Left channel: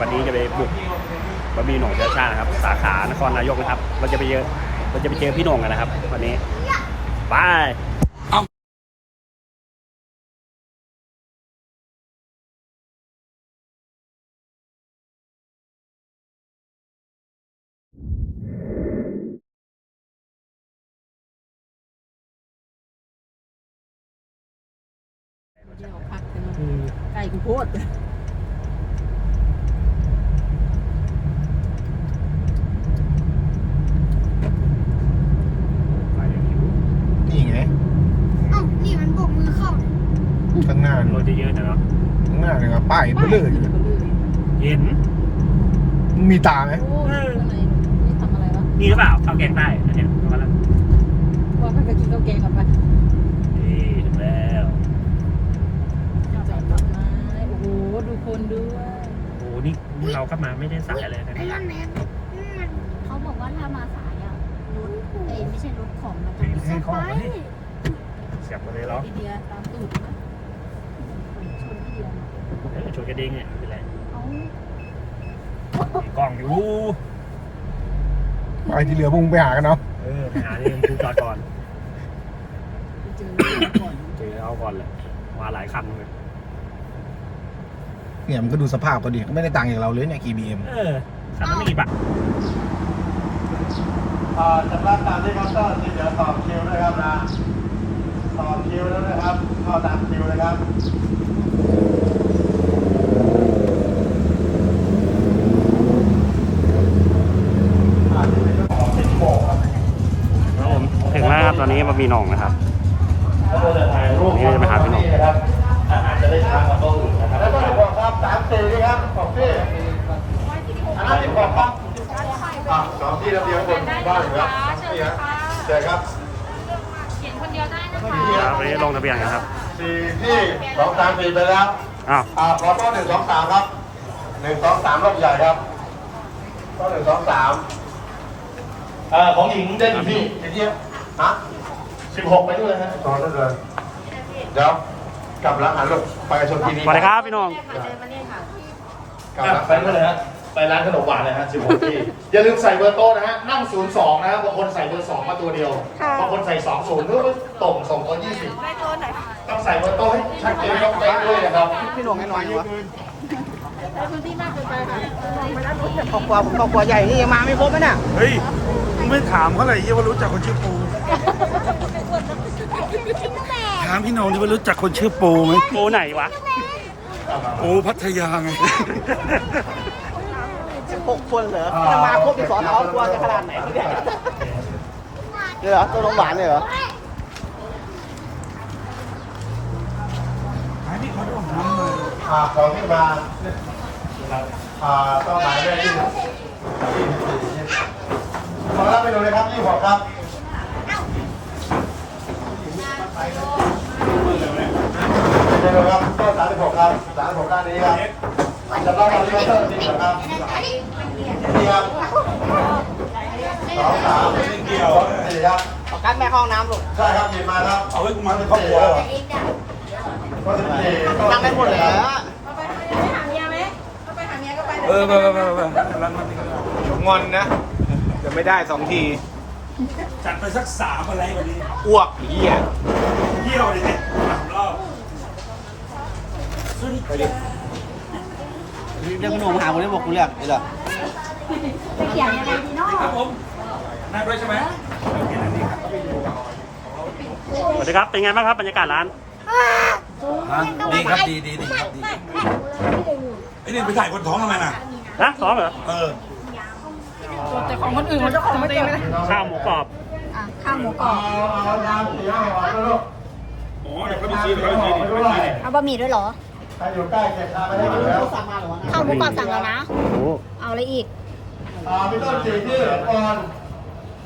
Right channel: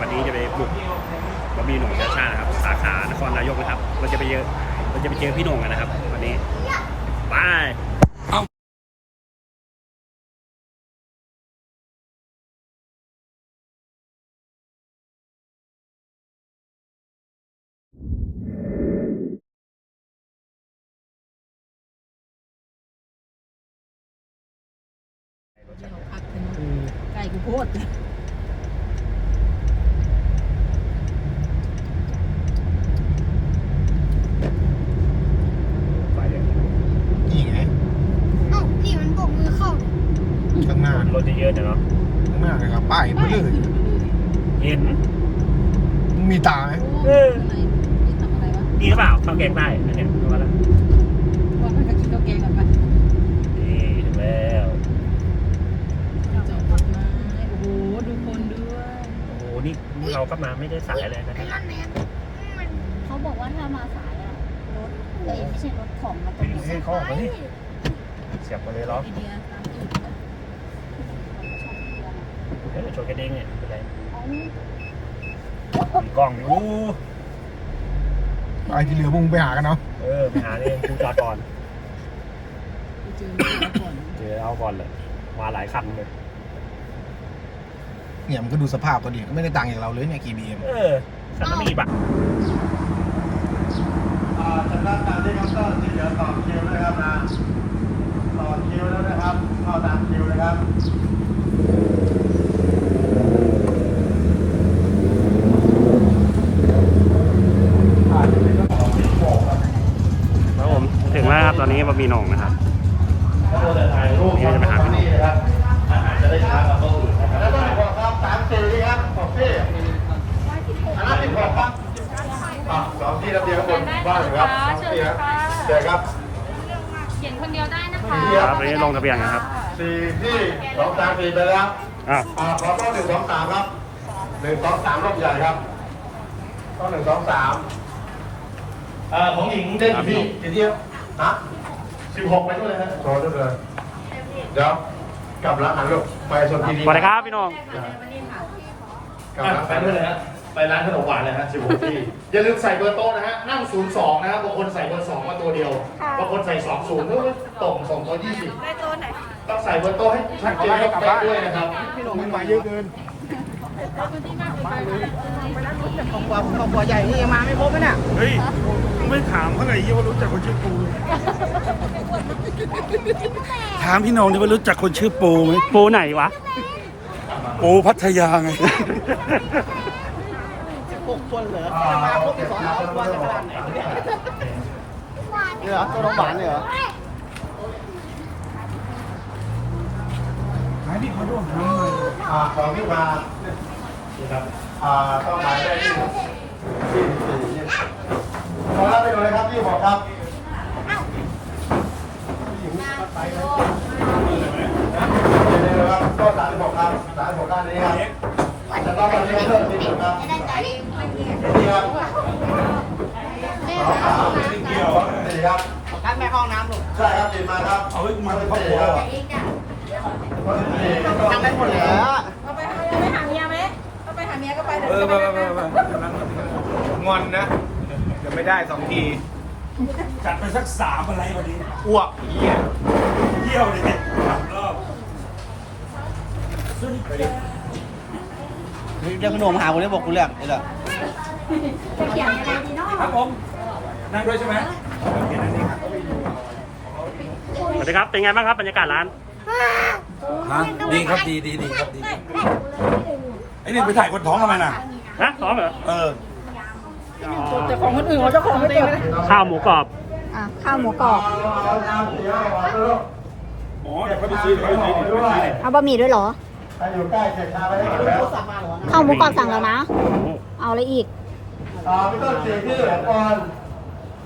วันนี้จะไปบุกบะหมี่หน่งชื้อชาตินะครับ สาขานครนายกนะครับ เราจะไปเจอเราจะไปเจอพี่หน่งกันนะครับ วันนี้บายไก่กูโคตร นี่ไง เอ้านี่มันโบกมือเข้า ข้างหน้าร ถจะเยอะจังเนาะ ข้างหน้าเลยครับป้ายไปเลย เย็น มึงมีตาไหม โอ้ยอะไรนี่ทำอะไรวะ มีหรือเปล่าข้าวแกงใต้เนี่ยมาแล้ว ว่ามันก็กินข้าวแกงกับมัน นี่ถึงแล้ว จะทำไมโอ้โหดูคนด้วย โอ้โหนี่เรา ก็มาไม่ได้สายอะไรนะไอ้นั่นแมนมันเขาบอกว่าถ้ามาสายอะรถเอ้ยไม่ใช่รถของมันจะไม่สใช่บายเสียบมาเลยเหรอไอเดียตามตูดนะเดี๋ยวจะโชว์แค่เด้งเนี่ยเอามีกล้องอยู่ไอ้ที่เหลือมึงไปหากันเนาะเออไปหาเองคือจอดก่อนเจอมันก่อนเจอเอาก่อนเลยมาหลายคันเลย เนี่ยมันก็ดูสภาพก็ดีไม่ได้ต่างจากเราเลยเนี่ยกีบีเอ็มเออสามสิบบาทจำได้ตามที่เขาต้อนที่เหลือต่อคิวนะครับนะต่อคิวแล้วนะครับเข้าตามคิวนะครับครับผมถึงแล้วครับตอนนี้บะหมี่หน่องนะครับนี่จะไปหาพี่หน่อง แล้วก็บอกครับสามสี่นี่ครับของพี่สามสิบหกครับอะสอง ที่ระเบียงบนนอกครับนี่ครับเชิญครับสี่ที่คครัรับบวันนี้ลงทะเบียนกันครับสี่ที่สองสามสี่ไปแล้วอ้าวอ่าขอต้นหนึ่งสองสามครับหนึ่งสองสามรอบใหญ่ครับต้นหนึ่งสองสามเอ่อของหญิงได้กี่ที่กี่ที่ฮะสิบหกไปด้วยนะโชว์ด้วยเลยเดี๋ยวกลับร้านอาหารลูกไปชมทีนี้สวัสดีครับพี่หน่องกลับร้านไปด้วยนะฮะ ไปร้านขนมหวานนะฮะสิบหกที่ อย่าลืมใส่เบอร์โต๊ะนะฮะ นั่งศูนย์สองนะฮะบางคนใส่เบอร์สองมาตัวเดียวบางคนใส่สองศูนย์ก็ตรงสองตัวยี่สิบได้ตัวไหนต้องใส่เบอร์โต๊ะให้ชัดเจนครับไปด้วยนะครับ ไม่ลงให้น้อยเยอะเกินครอบครัวผมครอบครัวใหญ่นี่ยังมาไม่ครบนะเนี่ยเฮ้ยไม่ถามเขาเลยยี่ว่ารู้จักคนชื่อปู ถามพี่โหนงนี่ว่ารู้จักคนชื่อปูไหมปูไหนวะ ปูพัทยาไงหก คนเหรอมาครบที่สอนเราครัวจะขนาดไหนเนี่ยเลยเหรอตัวหวานเลยเหรอให้พี่เขาด้วยทำมาอ่าของที่มาอ่าต้องหายเลขที่ขอรับไปดูเลยครับยี่หกครับไปดูครับต้นสามสิบหกครับสามสิบหกด้านนี้ครับ จะต้องการที่จะเพิ่มอีกนะครับเดียวสามเดียวสี่ครับกันแม่ห้องน้ำลูกใช่ครับกินมาครับ เอาไว้มาเป็นครอบครัวแล้วเหรอทำได้หมดเลยเออเออเออองอนนะจะไม่ได้สองที จัดไปสักสามอะไรอย่างนี้อ้วกเหี้ยเที่ยวเลยเนี่ยสามรอบ เรียกขนมหาคนที่บอกกูเรียกไอ้เหรอจะเขียนยังไงดีเนาะครับผมนั่งด้วยใช่ไหมโอเคนั่นนี่ครับสวัสดีครับ เป็นไงบ้างครับบรรยากาศร้านฮะดีครับดีดีดีครับดีไอ้นี่ไปถ่ายคนท้องทำไมน่ะฮะสองเหรอ เออแต่ของคนอื่นเขาเจะของไม่ตีนะข้าวหมูกรอบข้าวหมูกรอบเอาน้ำสีเอาหวานลูกอ๋อเดี๋ยวเขาไปซื้อเดี๋ยวเขาไปซื้อเดี๋ยวเขาไปซื้อเนี่ยเอาบะหมี่ด้วยเหรอ ใครอยู่ใกล้เสร็จทานไปได้หมดแล้วข้าวหมูกรอบสั่งแล้วนะโอ้โหเอาอะไรอีกอ่าพี่ต้นสี่ที่เหลือก่อน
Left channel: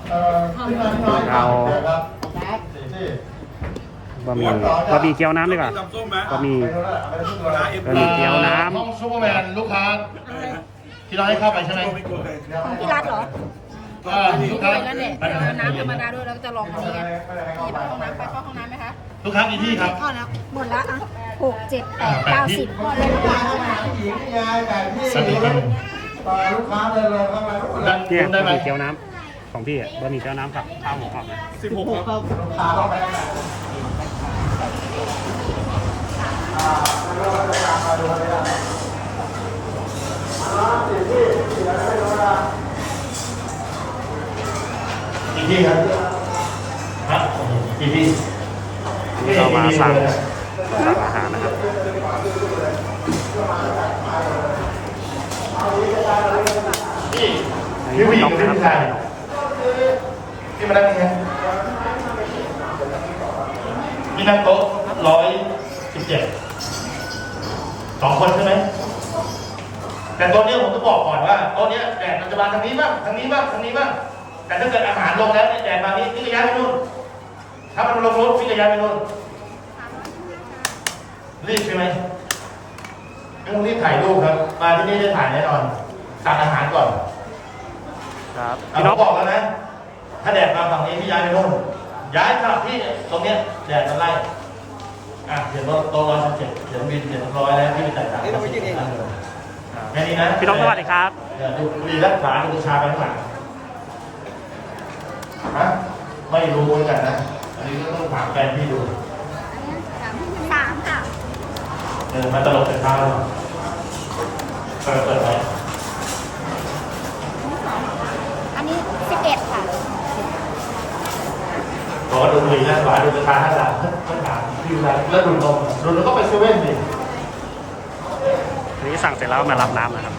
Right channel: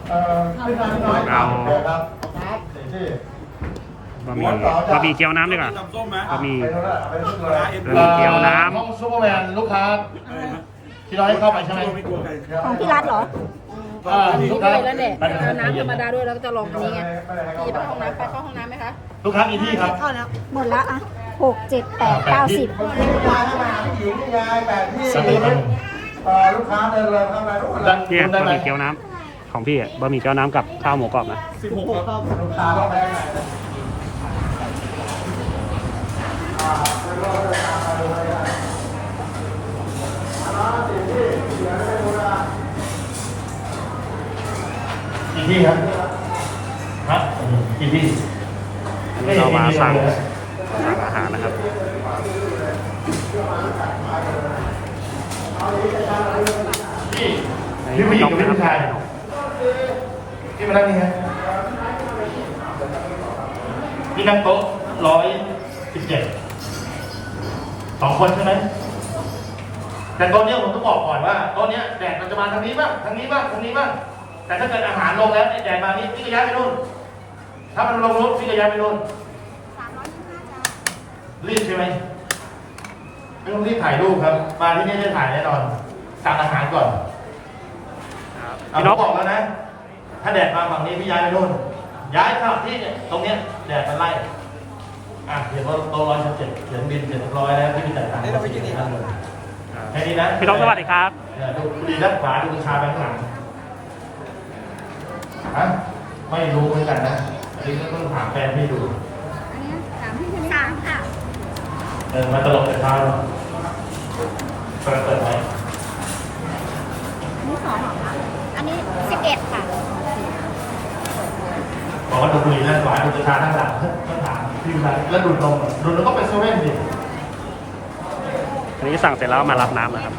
เอ่อพี่น้อยพี่น้อยครับครับสี่ที่บะหมี่บะหมี่เกี๊ยวน้ำดีกว่าตำส้มไหมบะหมี่ ไปดูแล้วไปดูตัวแล้วบะหมี่เกี๊ยวน้ห้องซูเปอร์แมนลูกค้าพี่น้อยเข้าไปใช่ไหมไม่กลัวใครของที่ร้านเหรออ่าลูกค้าแล้วเนี่ยไปกันเอาใจน้ำธเย็รนรมนะดาด้วยแล้วก็จะลองอันนี้ไงไม่ได้ให้เข้าไปเข้าไปไปเข้าห้องน้ำไหมคะลูกค้ากี่ที่ครับ หมดแล้วอะ หกเจ็ดแปดเก้าสิบคุณยายให้าผู้หญิงยายแปดที่ต่อลูกค้าเดินเลยเข้ามาทุกคนเนี่ยบะหมี่เกี๊ยวน้ำของพี่อะบะหมี่เกี๊ยวน้ำกับข้าวหมูกรอบนะสิบหกลูกค้าเข้าไปไหนกี่พี่ครับครับกี่ที่อันนี้เรามาสั่ง มาสั่งอาหารนะครับอันนี้พี่นกนะครับสั่งพี่นกที่มาได้ยังไงที่นั่งโต๊ะร้อยสิบเจ็ดสองคนใช่ไหมแต่ต๊ะเนี้ผมต้องบอกก่อนว่าต๊ะเนี้แบ่งปัจจุบันทางนี้บ้างทางนี้บ้างทางนี้บ้างแต่ถ้าเกิดอาหารลงแล้วเนี่ยแบ่งมานี้พี่ระยะไปนู่นถ้ามันลงยกพี่ระยะไปนู่น รีบใช่ไหมไม่ต้องรีบถ่ายรูปครับมาที่นี่ได้ถ่ายแน่นอนสั่งอาหารก่อนครับพี่พี่นนกกบอกแล้วนะ ถ้าแดดมาฝั่งนี้พี่ย้ายไปนู่นย้ายสถานที่เนี่ยตรงเนี้ยแดดมันไล่อะเดี๋ยวเราโต๊ะร้อยชั้นเจ็ดเดี๋ยวบินเดี๋ยวร้อยแล้วที่มีแต่ายตังค์นี่เราไปยืนเองเหรอแค่นี้นะพี่นกสวัสดีครับเนี่ยดูดีรักษาดูชาไปข้างหลังฮะไม่รู้เหมือนกันนะอันนี้ก็ต้องถามแฟนพี่ดู อันนี้สามที่สามค่ะ เออมาตลกกับเราเปิดเปิดไหมอันนี้สองเหรอคะอันนี้สิบเอ็ดค่ะ บอกว่าดูดีแล้วหลายดูราคาข้างหลังข้างหลังพี่อยู่ไหนแล้วดูนมอะดูแล้วก็ไปเซเว่นดิ อันนี้สั่งเสร็จแล้วมารับน้ำนะครับ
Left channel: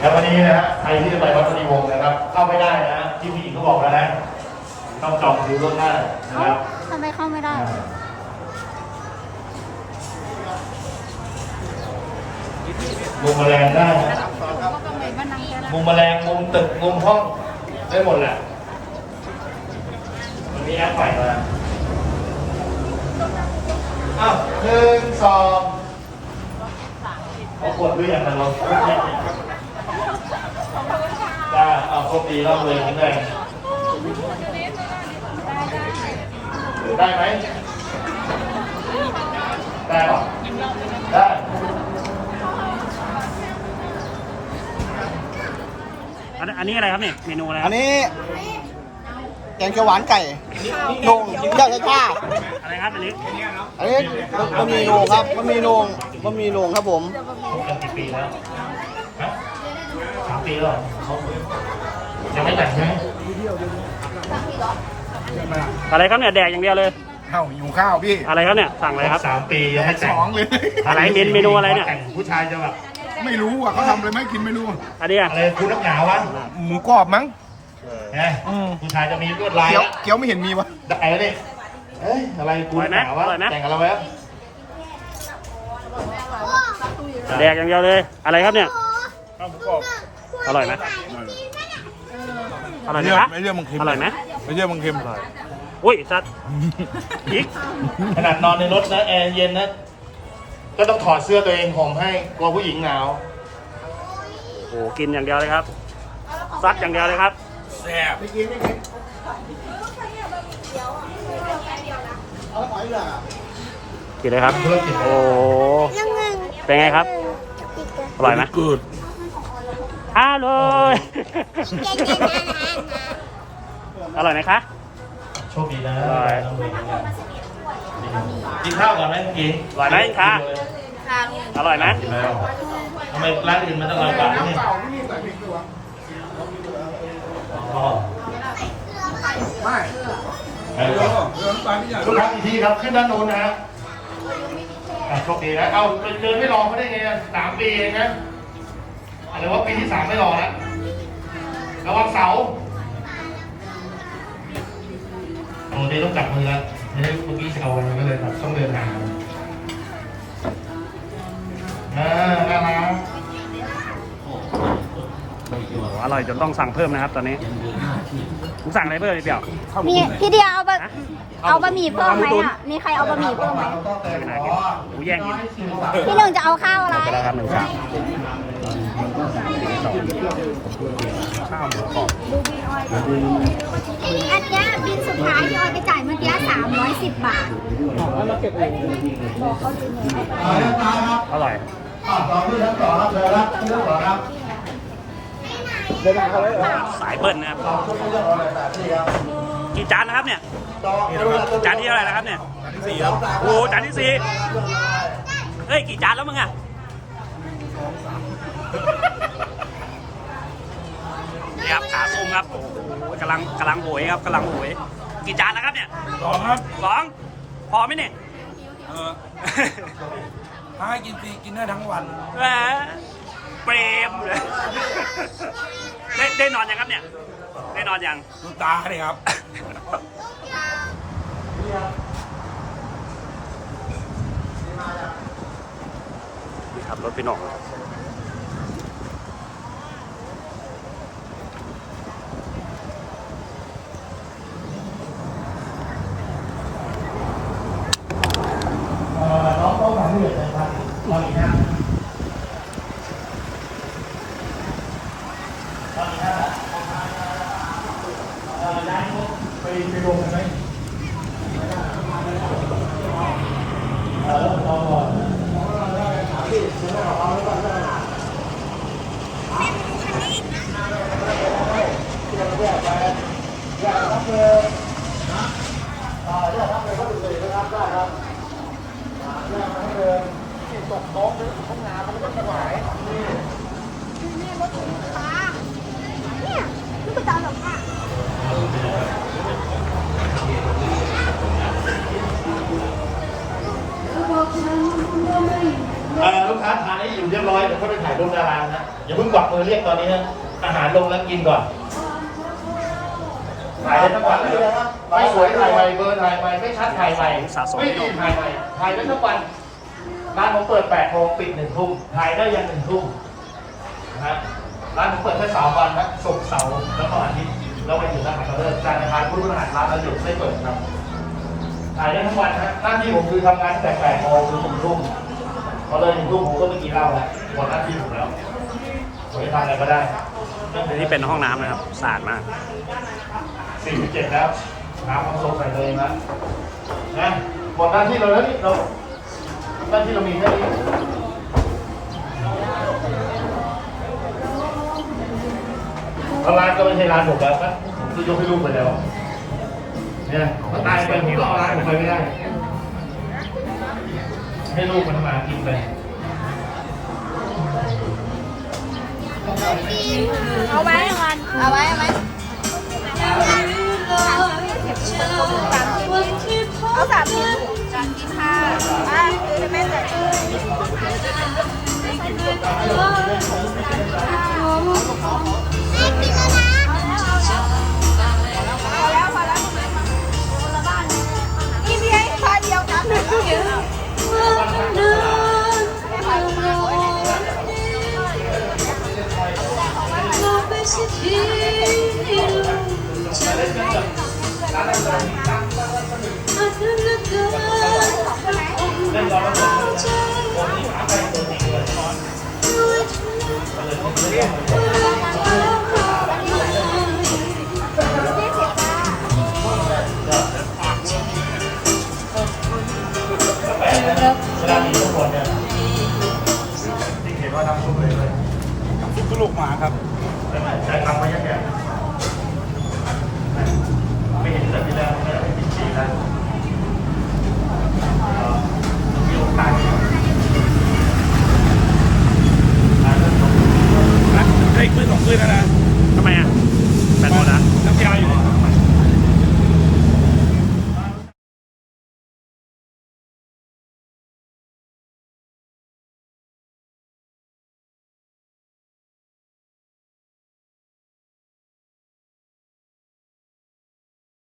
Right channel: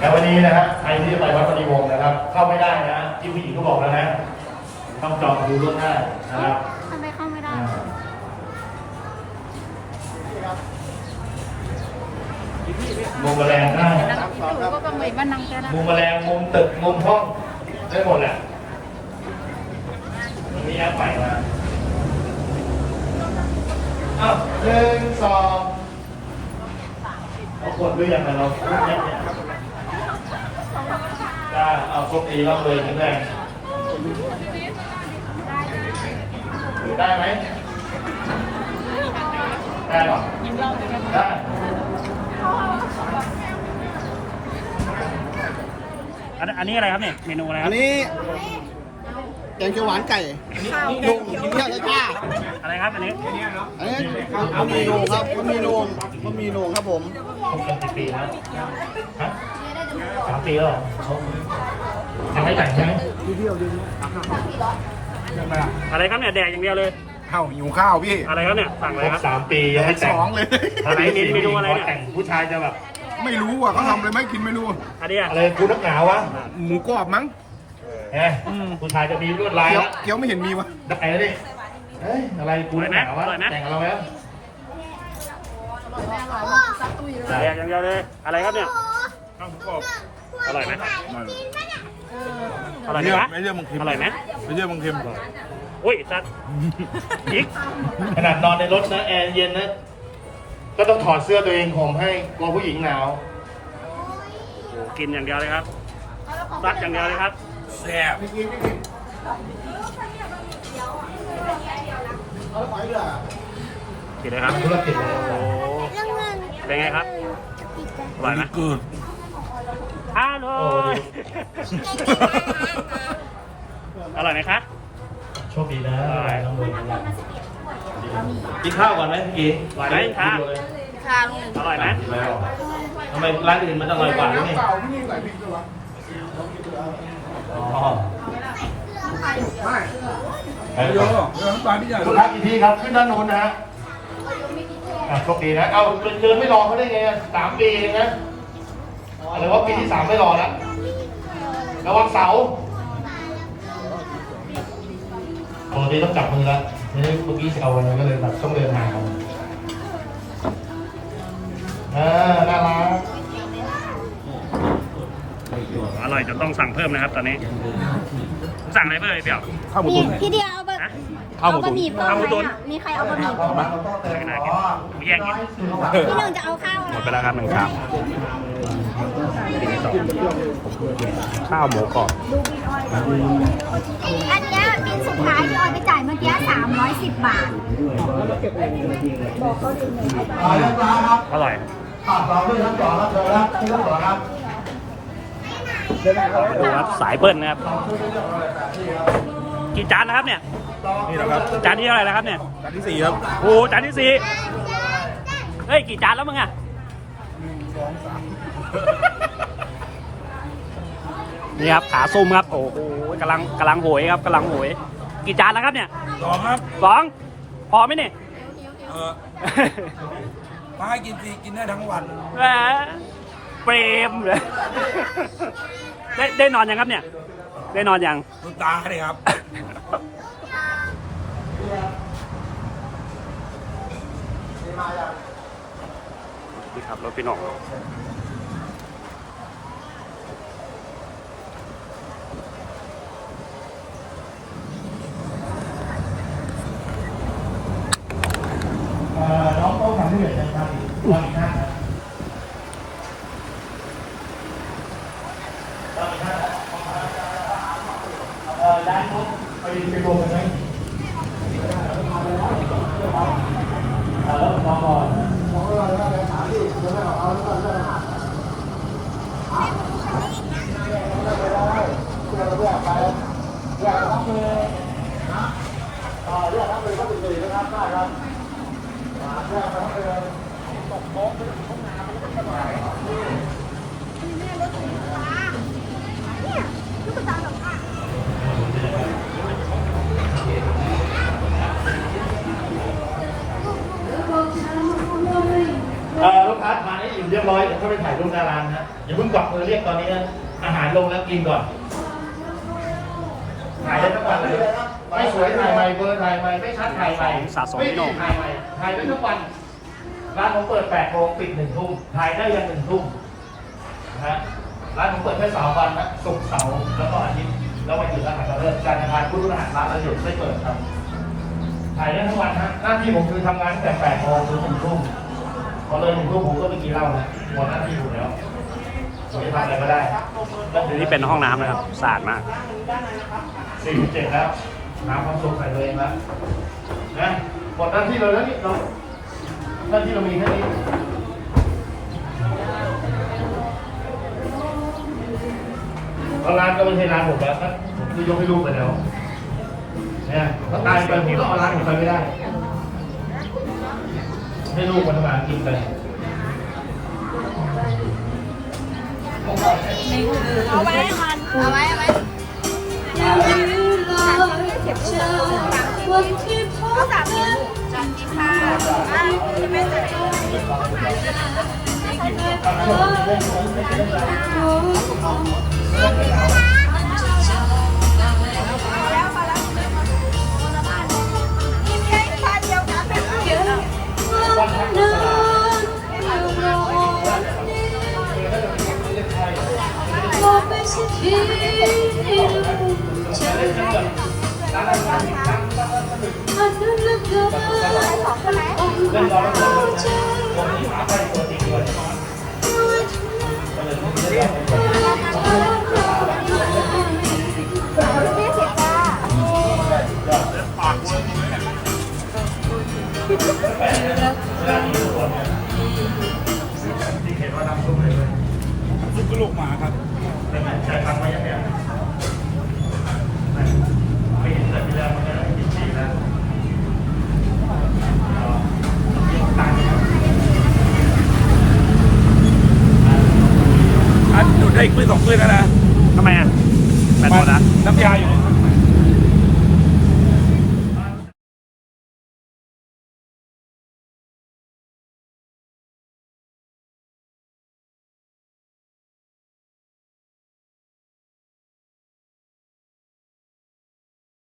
แล้ววันนี้นะฮะใครที่จะไปวัดปฏิวงศ์นะครับ เข้าไม่ได้นะที่ผู้หญิงเขาบอกแล้วนะต้องจองคิวล่วงหน้านะครับ ทำไมเข้าไม่ได้ มุมแมลงได้มุมแมลงมุมตึกมุมห้องได้หมดแหละวันนี้แอปใหม่มาอ้าวหนึ่งสองเอาขวดหรือยังนะเราได้เอาคนดีร่ำรวยแข็งแรงได้ไหมได้หรอได้ อันอันนี้อะไรครับเนี่ยเมนูอะไรคอัรับนนี้แกงเขียวหวานไก่โหน่งย่างไก่ก้า อะไรครับอันนี้อันนี้บะหมี่โหน่งครับบะหมี่โหน่งบะหมี่โหน่งครับผมคบกันกี่ปีแล้วฮะสามปีแล้วเหรอยังไม่แต่งใช่ไหมอะไรครับเนี่ยแดกอย่างเดียวเลยข้าวหิวข้าวพี่อะไรครับเนี่ยสั่งอะไรครบครับ สามปียังไม่แต่สองเลยไหนเมนูอะไรเนี่ย แต่งผู้ชายจะแบบ ไม่รู้อะเขาทำอะไรไม่กินไม่รู้อันนี้อะอะไรกูนักหนาวะหมูกรอบมั้งเฮ้ยผู้ชายจะมีลวดลายเกี๊ยวแล้วเกี๊ยวไม่เห็นมีวะได้แล้วดิเฮ้ยอะไรกูนักหนาวะแต่งกับเราแล้วแดกอย่างเดียวเลย อะไรครับเนี่ยข้าวหมูกรอบอร่อยนะไม่เลยอร่อยไหมเรื่องคะไม่เรื่องมึงคิมอร่อยไหมไม่เรื่องมึงคิมอุ้ยสัตว์อีกขนาดนอนในรถนะแอร์เย็นนะ ก็ต้องถอดเสื้อตัวเองห่มให้กลัวผู้หญิงหนาว โอ้โหกินอย่างเดียวเลยครับ ซัดอย่างเดียวเลยครับ แซ่บกินเลยครับธุรกิจโอ้โหเป็นไงครับอร่อยไหมเกิดอร่อยอร่อยไหมคะ โชคดีนะได้ กินข้าวก่อนไหมเมื่อกี้ได้ค่ะกินเลยอร่อยนะกินแล้วทำไมร้านอื่นมันอร่อยกว่านี่อ๋อไปเลยครับคุณรับอีกทีครับขึ้นด้านโน้นนะฮะอะโชคดีนะ เอาเดินไม่รอเขาได้ไงอะสามปีเองนะหรือว่าปีที่สามไม่รอแล้วระวังเสาโอ้ดีต้องจับมือแล้ว ไม่ได้ลูกพี่ชาวมันก็เลยแบบต้องเดินทางเออน่ารักอร่อยจนต้องสั่งเพิ่มนะครับตอนนี้สั่งอะไรเพิ่มพี่เดียวมีพี่เดียวเอาบะเอาบะหมี่เพิ่มไหมอะ มีใครเอาบะหมี่เพิ่มไหมหมูแย่กกินพี่หนึ่งจะเอาข้าวอะไรหมดไปแล้วครับหนึ่งชามข้าวหมูกรอบอันนี้กินสุดท้ายออยไปจับ 310 บาท บอกเขาดูเงินเขาไปอร่อยครับสายเปิ้ลนะครับ กี่จานนะครับเนี่ยจานที่เท่าไหร่แล้ครับเนี่ย จานที่สี่แล้วโอ้จานที่สี่เฮ้ย กี่จานแล้วมึงอะนี่ครับขาส้มครับ โอ้โหกำลังกำลังโหยครับกำลังโหย กี่จานแล้วครับเนี่ยสองครับสองพอไหมเนี่ยเออถ้าให้กินฟรีกินได้ทั้งวันแหมเปรมเลยได้ได้นอนยังครับเนี่ย ได้นอนยังดูตาเลยครับ นี่ครับรถพี่หน่องเลย เอ่อน้องต้องทำให้เหลือนะครับเราอีกห้านะเราอีกห้านะเอ่อได้ไปไปรวมกันไหมเออแล้วรอก่อนเอ่อลูกค้าทานให้อิ่มเรี ยบร้อยเดี๋ยวเข้าไปถ่ายรูปดารานะฮะอย่าเพิ่งกวักมือเรียกตอนนี้นะอาหารลงแล้วกินก่อนถ่ายได้ทั้งวันเลยไม่สวยถ่ายใหม่เบอร์ถ่ายใหม่ไม่ชัดถ่ายใหม่ของสะสมพี่โหน่ง ถ่ายใหม่ถ่ายได้ทั้งวันร้านผมเปิด8โมงปิด1ทุ่มถ่ายได้ยัน1ทุ่มนะฮะร้านผมเปิดแค่สามวันนะศุกร์เสาร์แล้วก็อาทิตย์แล้วไปอยู่ร้านไหนก็เลิกการทานพุธพฤหัสค้าแล้วหยุดไม่เปิดครับถ่ายได้ทั้งวันฮะหน้าที่ผมคือทำงานแต่8โมงถึง1ทุ่มพอเลย1ทุ่มผมก็ไปกินเหล้าแล้ว หมดหน้าที่ผมแล้วผมจะทำอะไรก็ได้นี่เป็นห้องน้ำนะครับสะอาดมากสี่สิบเจ็ดครับน้ำความสงใส่ตัวเองนะนะหมดหน้าที่เราแล้วนี่เราหน้าที่เรามีแค่นี้เอาร้านก็ไม่ใช่ร้านผมแล้วครับคือยกให้ลูกไปแล้วเนี่ยก็ตายไปผมก็เอาร้านผมไปไม่ได้ ให้ลูกมันทำงานกินไป เอาไว้เอาไว้ซุปกระโหลกหมาครับใช้ทำมาเยอะแยะ